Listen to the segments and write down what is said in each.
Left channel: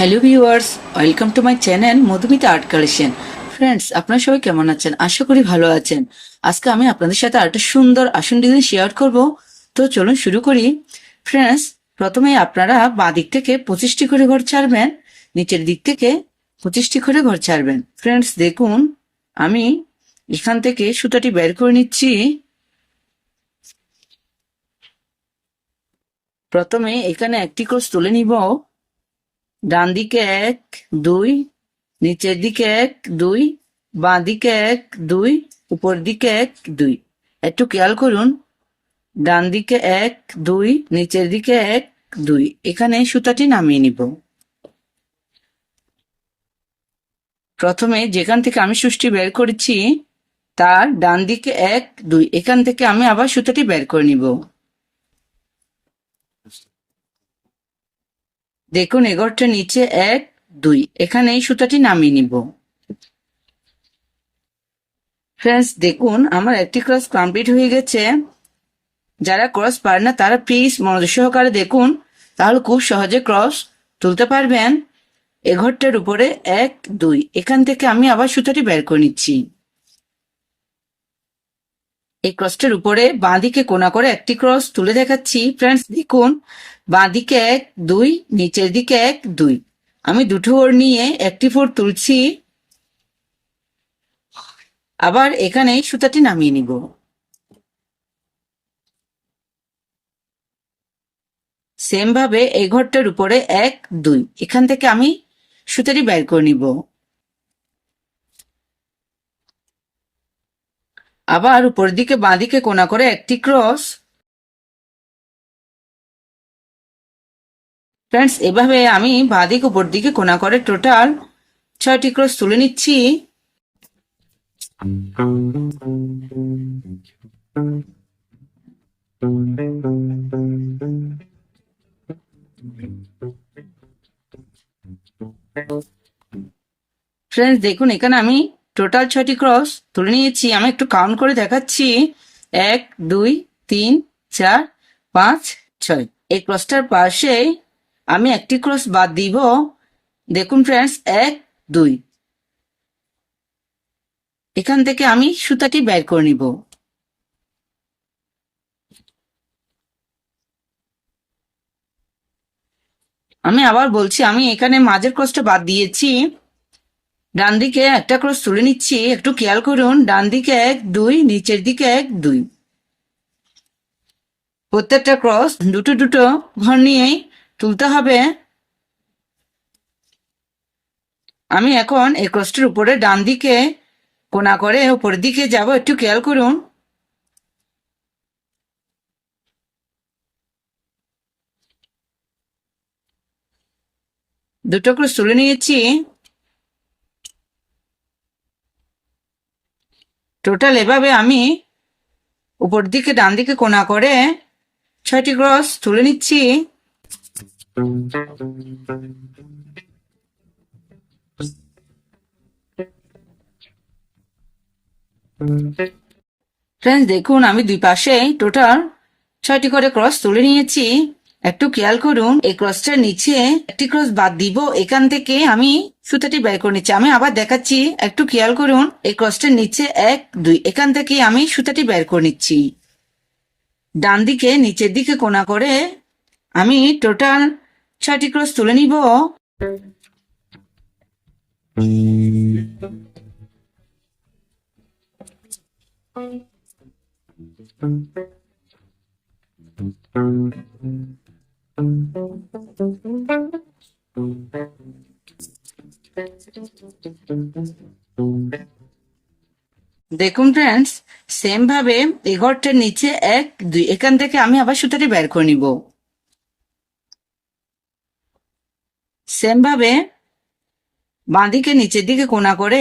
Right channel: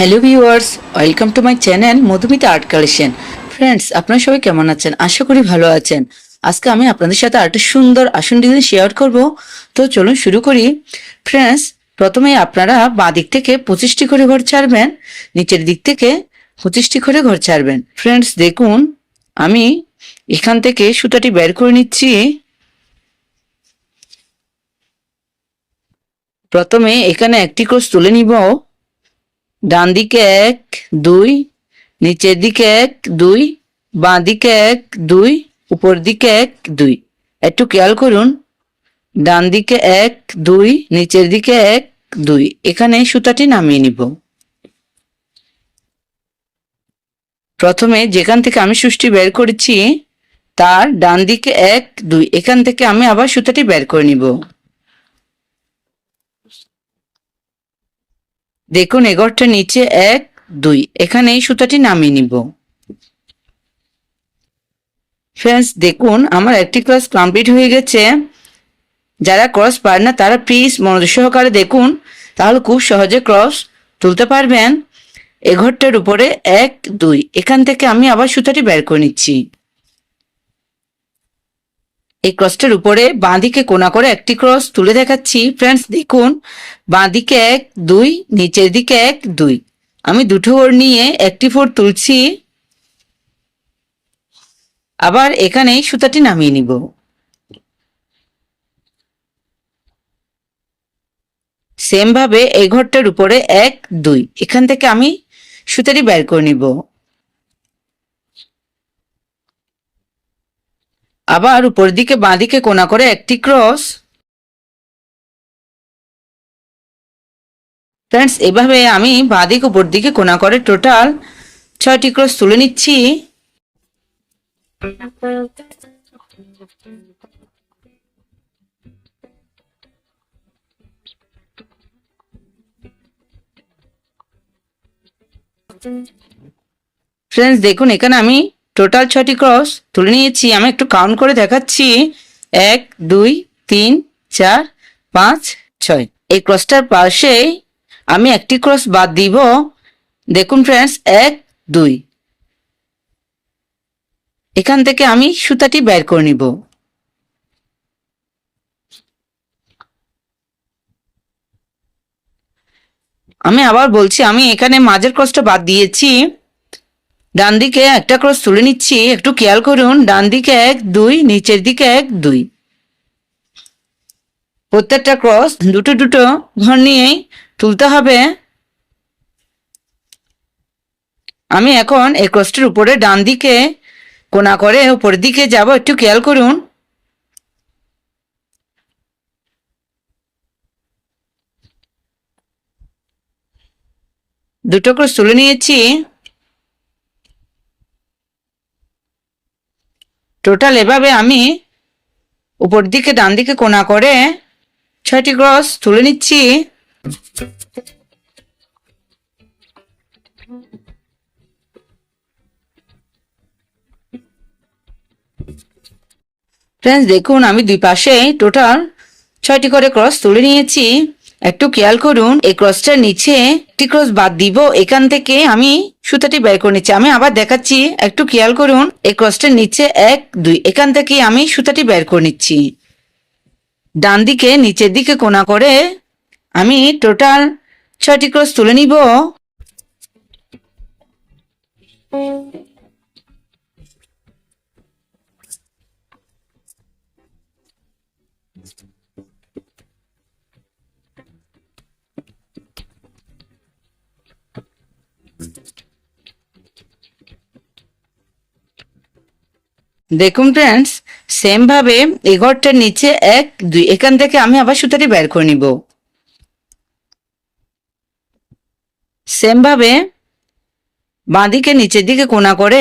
Hello viewers welcome to my channel Madhumita art collection friends আপনারা সবাই কেমন আছেন? আশা করি ভালো আছেন। আজকে আমি আপনাদের সাথে আরেকটা সুন্দর আসন ডিজাইন শেয়ার করব। তো চলুন শুরু করি। ফ্রেন্ডস প্রথমে আপনারা বাঁ দিক থেকে পঁচিশটি করে ঘর ছাড়বেন, নিচের দিক থেকে পঁচিশটি করে ঘর ছাড়বেন। ফ্রেন্ডস দেখুন, আমি এখান থেকে সুতাটি বের করে নিচ্ছি। প্রথমে এখানে একটি ক্রস তুলে নিব। ডান দিকে এক, দুই, নিচের দিকে এক, দুই, বাঁ দিকে এক, দুই, উপর দিকে এক, দুই। একটু খেয়াল করুন। ডান দিকে এক, দুই, নিচের দিকে এক, দুই। এখানে সুতাটি নামিয়ে নিব। প্রথমে যেখান থেকে আমি সুষ্টি বের করেছি, তার ডান দিকে এক, দুই। এখান থেকে আমি আবার সুতাটি বের করে নিব। দেখুন এগরটা নিচে এক, দুই। এখানে এই সুতাটি নামিয়ে নিব। ফ্রেন্ডস দেখুন, আমার একটি ক্লাস কমপ্লিট হয়ে গেছে। যারা ক্রস পারে না, তারা প্লিজ মনোযোগ সহকারে দেখুন। তাহলে খুব সহজে ক্রস তুলতে পারবেন। এ ঘরটার উপরে এক, দুই। এখান থেকে আমি আবার সুতাটি বের করে নিচ্ছি। এই ক্রসটার উপরে বাঁদিকে কোনা করে একটি ক্রস তুলে দেখাচ্ছি। ফ্রেন্ডস দেখুন, বাঁদিকে এক, দুই, নিচের দিকে এক, দুই। আমি দুটো ওর নিয়ে একটি ফোর তুলছি। আবার এখানে সুতাটি নামিয়ে নিব। সেম ভাবে এই ঘরটার উপরে এক, দুই। এখান থেকে আমি সুতাটি বের করে নিব। আবার উপর দিকে বাঁদিকে কোনা করে একটি ক্রস। ফ্রেন্ডস এভাবে আমি বাঁদিক উপর দিকে কোনা করে টোটাল ছয়টি ক্রস তুলে নিচ্ছি। ফ্রেন্ডস দেখুন, এখানে আমি টোটাল ছটি ক্রস তুলে নিয়েছি। আমি একটু কাউন্ট করে দেখাচ্ছি। এক, দুই, তিন, চার, পাঁচ, ছয়। এই ক্রসটার পাশে আমি একটি ক্রস বাদ দিব। দেখুন ফ্রেন্ডস এক, দুই। এখান থেকে আমি সুতাটি বের করে নিব। আমি আবার বলছি, আমি এখানে মাঝের ক্রসটা বাদ দিয়েছি। ডান দিকে একটা ক্রস তুলে নিচ্ছি, একটু খেয়াল করুন, ডান দিকে এক, দুই, নিচের দিকে এক, দুই। প্রত্যেকটা ক্রস দুটো দুটো ঘর নিয়েই তুলতে হবে। আমি এখন এই ক্রসটির উপরে ডান দিকে কোনা করে উপরের দিকে যাব, একটু খেয়াল করুন। দুটো ক্রস তুলে নিয়েছি। টোটাল এভাবে আমি উপর দিকে, ডান দিকে কোনা করে ছয়টি ক্রস তুলে নিচ্ছি। ফ্রেন্ডস দেখুন, আমি দুই পাশে টোটাল ছয়টি করে ক্রস তুলে নিয়েছি। একটু খেয়াল করুন, এই ক্রসটার নিচে একটি ক্রস বাদ দিব, এখান থেকে আমি সুতাটি বের করে নিচ্ছি। আমি আবার দেখাচ্ছি, একটু খেয়াল করুন, এই ক্রসটার নিচে এক, দুই, এখান থেকে আমি সুতাটি বের করে নিচ্ছি। ডান দিকে, নিচের দিকে কোনা করে আমি টোটাল ছয়টি ক্রস তুলে নিব। দেখুন ফ্রেন্ডস সেম ভাবে এই ঘরটার নিচে এক, দুই, এখান থেকে আমি আবার সুতাটি বের করে নিব। সেম ভাবে বাঁদিকে নিচের দিকে কোনা করে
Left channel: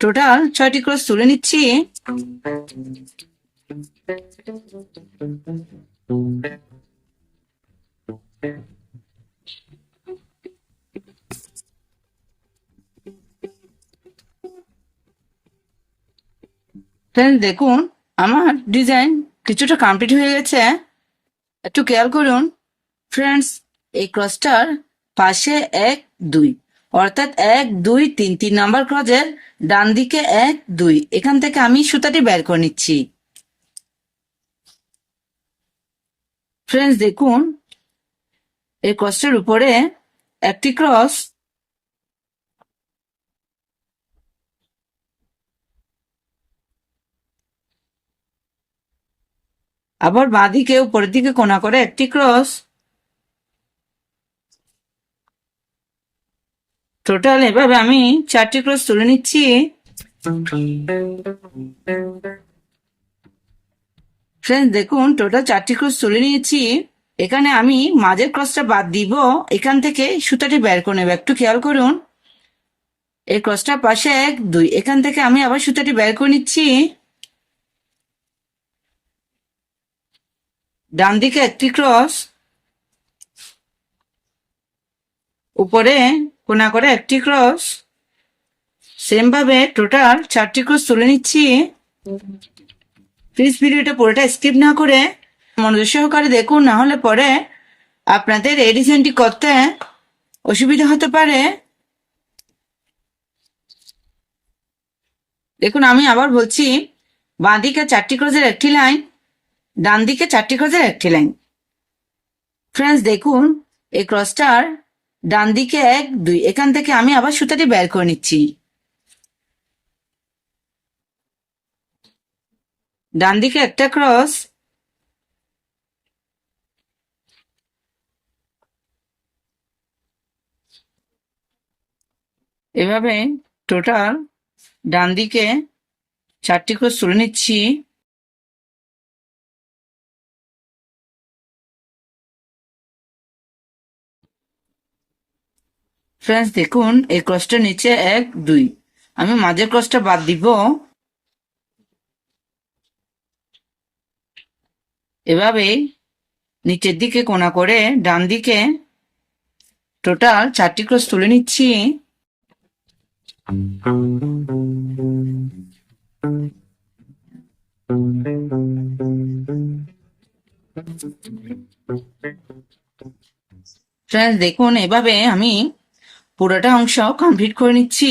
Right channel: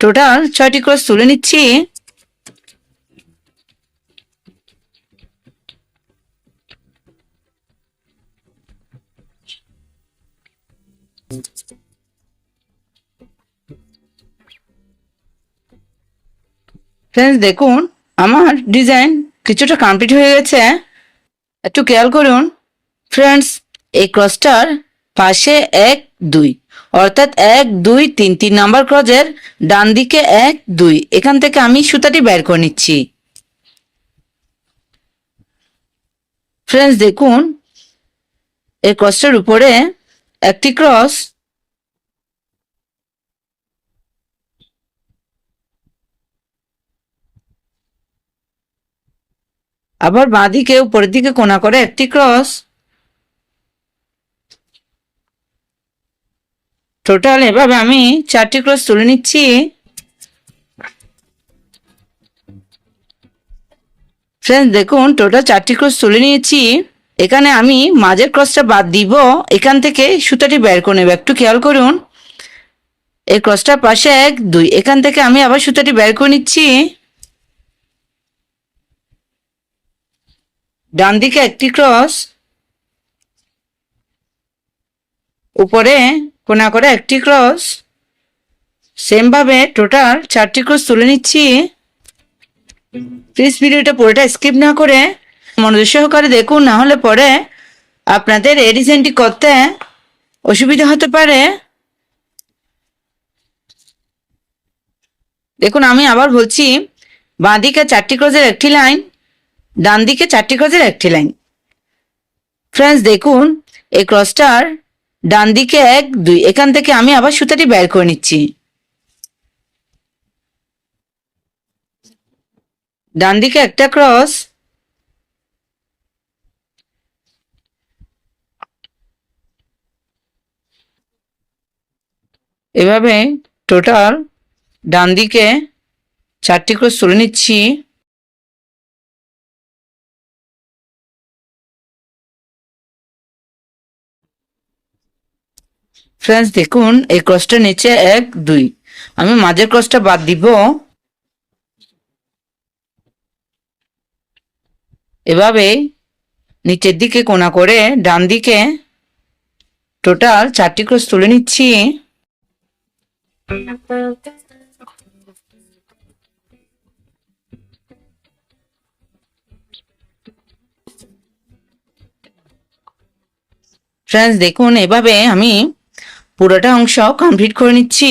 টোটাল ছয়টি ক্রস তুলে নিচ্ছি। ফ্রেন্ডস দেখুন, আমার ডিজাইন কিছুটা কমপ্লিট হয়ে গেছে। একটু খেয়াল করুন। ফ্রেন্ডস এই ক্রসটার পাশে এক, দুই। অর্থাৎ এক, দুই, তিন তিন নাম্বার ক্রজের ডান দিকে এক, দুই। এখান থেকে আমি সুতাটি বের করে নিচ্ছি। ফ্রেন্ডস দেখুন, এই ক্রসটার উপরে একটি ক্রস আবার বাঁদিকে, উপরের দিকে কোনা করে একটি ক্রস টোটাল এভাবে আমি চারটি ক্রস তুলে নিচ্ছি। ফ্রেন্ডস দেখুন টোটাল চারটি ক্রস তুলে নিয়েছি। এখানে আমি মাঝের ক্রসটা বাদ দিব। এখান থেকে সুতাটি বের করে নেব। একটু খেয়াল করুন। এই ক্রসটার পাশে এক, দুই। এখান থেকে আমি আবার সুতাটি বের করে নিচ্ছি। ডান দিকে একটি ক্রস উপরে কোনা করে একটি ক্রস সেম ভাবে টোটাল চারটি ক্রস তুলে নিচ্ছি। প্লিজ ভিডিওটা পুরোটা স্কিপ না করে মনোযোগ সহকারে দেখুন, না হলে পরে আপনাদের এই করতে অসুবিধা হতে পারে। দেখুন, আমি আবার বলছি, বাঁ দিকে চারটি ক্রসের একটি লাইন ডান দিকে চারটি ক্রসের একটি লাইন ফ্রেন্ডস দেখুন, এই ক্রসটার ডান দিকে এক, দুই, এখান থেকে আমি আবার সুতাটি বের করে নিচ্ছি। ডান দিকে একটা ক্রস। এভাবে টোটাল ডান দিকে চারটি ক্রস তুলে নিচ্ছি। ফ্রেন্ডস, দেখুন, এই ক্রসটা নিচে এক, দুই। আমি মাঝের ক্রসটা বাদ দিব। এভাবে নিচের দিকে কোনা করে ডান দিকে টোটাল চারটি ক্রস তুলে নিচ্ছি। ফ্রেন্ডস দেখুন, এভাবে আমি পুরোটা অংশ কমপ্লিট করে নিচ্ছি।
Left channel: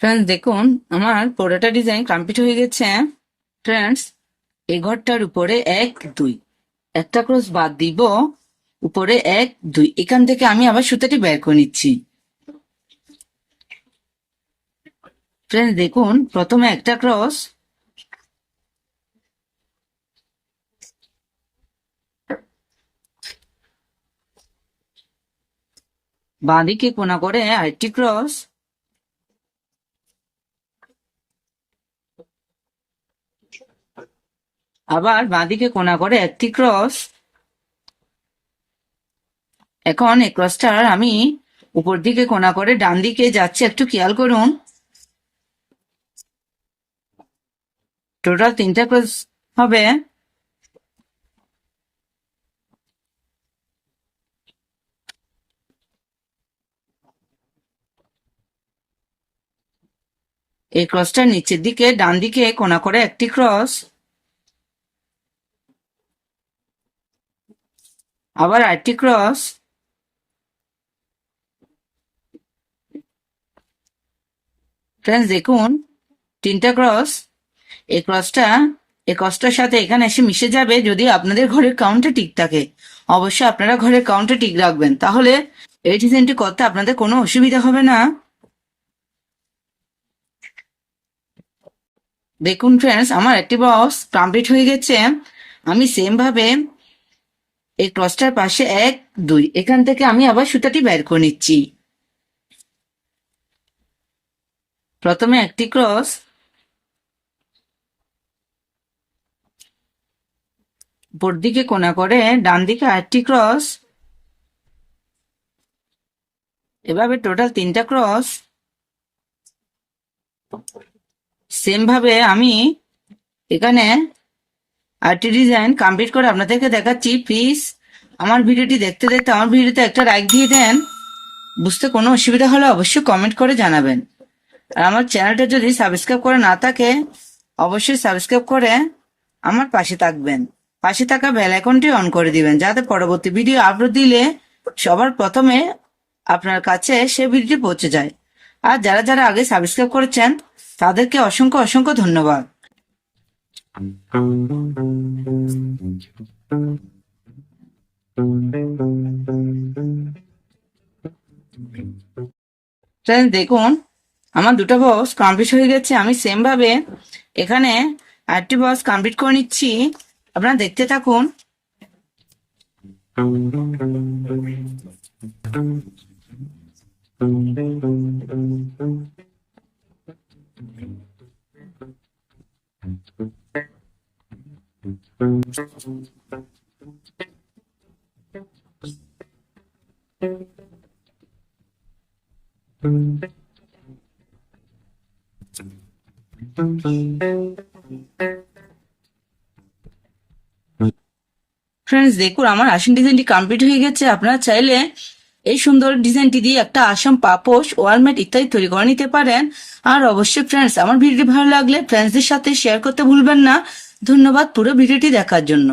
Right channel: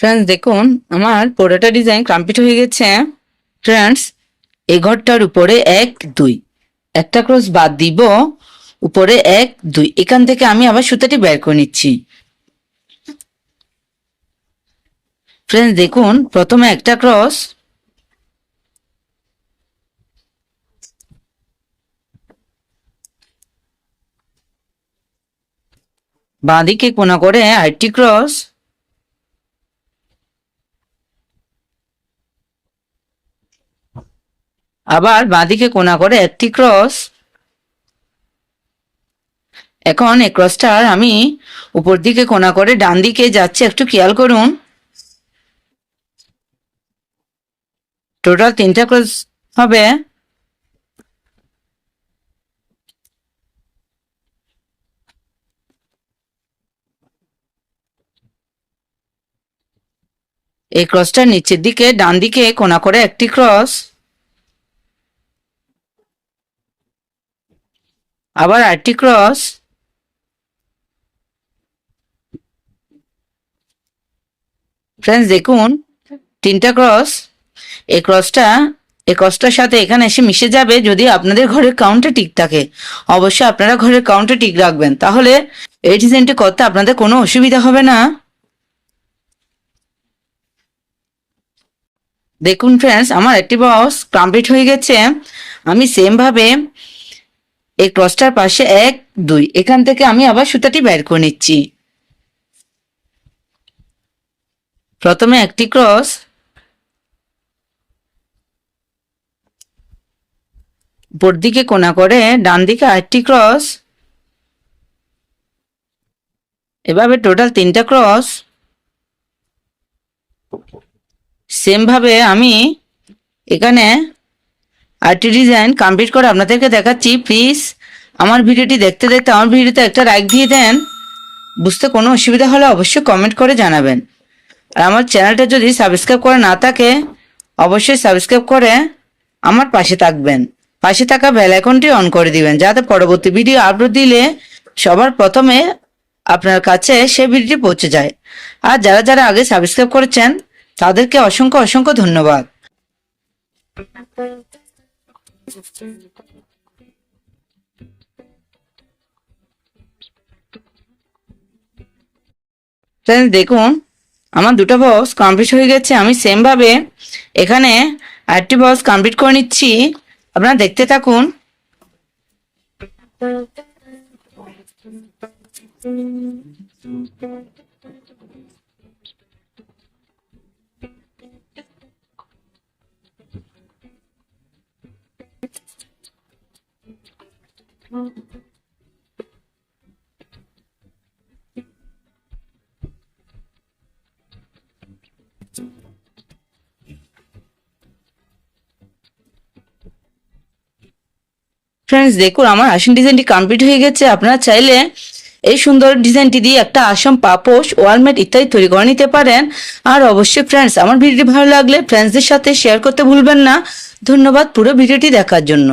ফ্রেন্ডস দেখুন আমার পুরোটা ডিজাইন কমপ্লিট হয়ে গেছে ফ্রেন্ডস এই ঘরটার উপরে এক, দুই। একটা ক্রস বাদ দিব, উপরে এক, দুই। এখান থেকে আমি আবার সুতাটি বের করে নিচ্ছি। ফ্রেন্ডস দেখুন, প্রথমে একটা ক্রস। বাঁদিকে কোনা করে আরেকটি ক্রস। আবার বাঁদিকে কোনা করে একটি ক্রস। এখন এই ক্রসটার আমি উপর দিকে কোনা করে ডান দিকে যাচ্ছে, একটু খেয়াল করুন। টোটাল তিনটা ক্রস হবে। এই ক্রসটার নিচের দিকে, ডান দিকে কোনা করে একটি ক্রস। আবার আরেকটি ক্রস ফ্রেন্ডস দেখুন, তিনটা ক্রস এই ক্রসটা এই ক্রসটার সাথে এখানে এসে মিশে যাবে যদি আপনাদের ঘরের কাউন্টে ঠিক থাকে। অবশ্যই আপনারা ঘরের কাউন্টে ঠিক রাখবেন। তাহলে এই ডিজাইনটি করতে আপনাদের কোনো অসুবিধা হবে না। দেখুন ফ্রেন্ডস আমার একটি বক্স কমপ্লিট হয়ে গেছে। আমি সেম ভাবে এই ক্রসটার পাশে এক, দুই। এখান থেকে আমি আবার সুতাটি বের করে নিচ্ছি। প্রথমে একটি ক্রস। উপর দিকে কোনা করে, ডান দিকে আরেকটি ক্রস। এভাবে টোটাল তিনটা ক্রস। সেম ভাবে আমি এখানে আর্টি ডিজাইন কমপ্লিট করে আপনাদেরকে দেখাচ্ছি প্লিজ আমার ভিডিওটি দেখতে দেখতে আমার ভিডিওতে একটা লাইক দিয়ে দেন। বুঝতে কোনো অসুবিধা হলে অবশ্যই কমেন্ট করে জানাবেন। আর আমার চ্যানেলটা যদি সাবস্ক্রাইব করে না থাকে, অবশ্যই সাবস্ক্রাইব করে আমার পাশে থাকবেন। পাশে থাকা বেল আইকনটি অন করে দিবেন, যাতে পরবর্তী ভিডিও আপলোড দিলে সবার প্রথমে আপনার কাছে সে ভিডিওটি পৌঁছে যায়। আর যারা যারা আগে সাবস্ক্রাইব করেছেন, তাদেরকে অসংখ্য অসংখ্য ধন্যবাদ। Friends, দেখুন আমার দুটো বক্স কমপ্লিট হয়ে গেছে। আমি সেম ভাবে এখানে আরেকটি বক্স কমপ্লিট করে নিচ্ছি। আপনারা দেখতে থাকুন। ফ্রেন্ডস দেখুন আমার আসন ডিজাইনটি কমপ্লিট হয়ে গেছে। আপনারা চাইলে এই সুন্দর ডিজাইনটি দিয়ে একটা আসাম পাপোশ, ওয়ালমেট ইত্যাদি তৈরি করে নিতে পারেন। আর অবশ্যই ফ্রেন্ডস আমার ভিডিওটি ভালো লাগলে ফ্রেন্ডসদের সাথে শেয়ার করতে ভুলবেন না। ধন্যবাদ পুরো ভিডিওটি দেখার জন্য।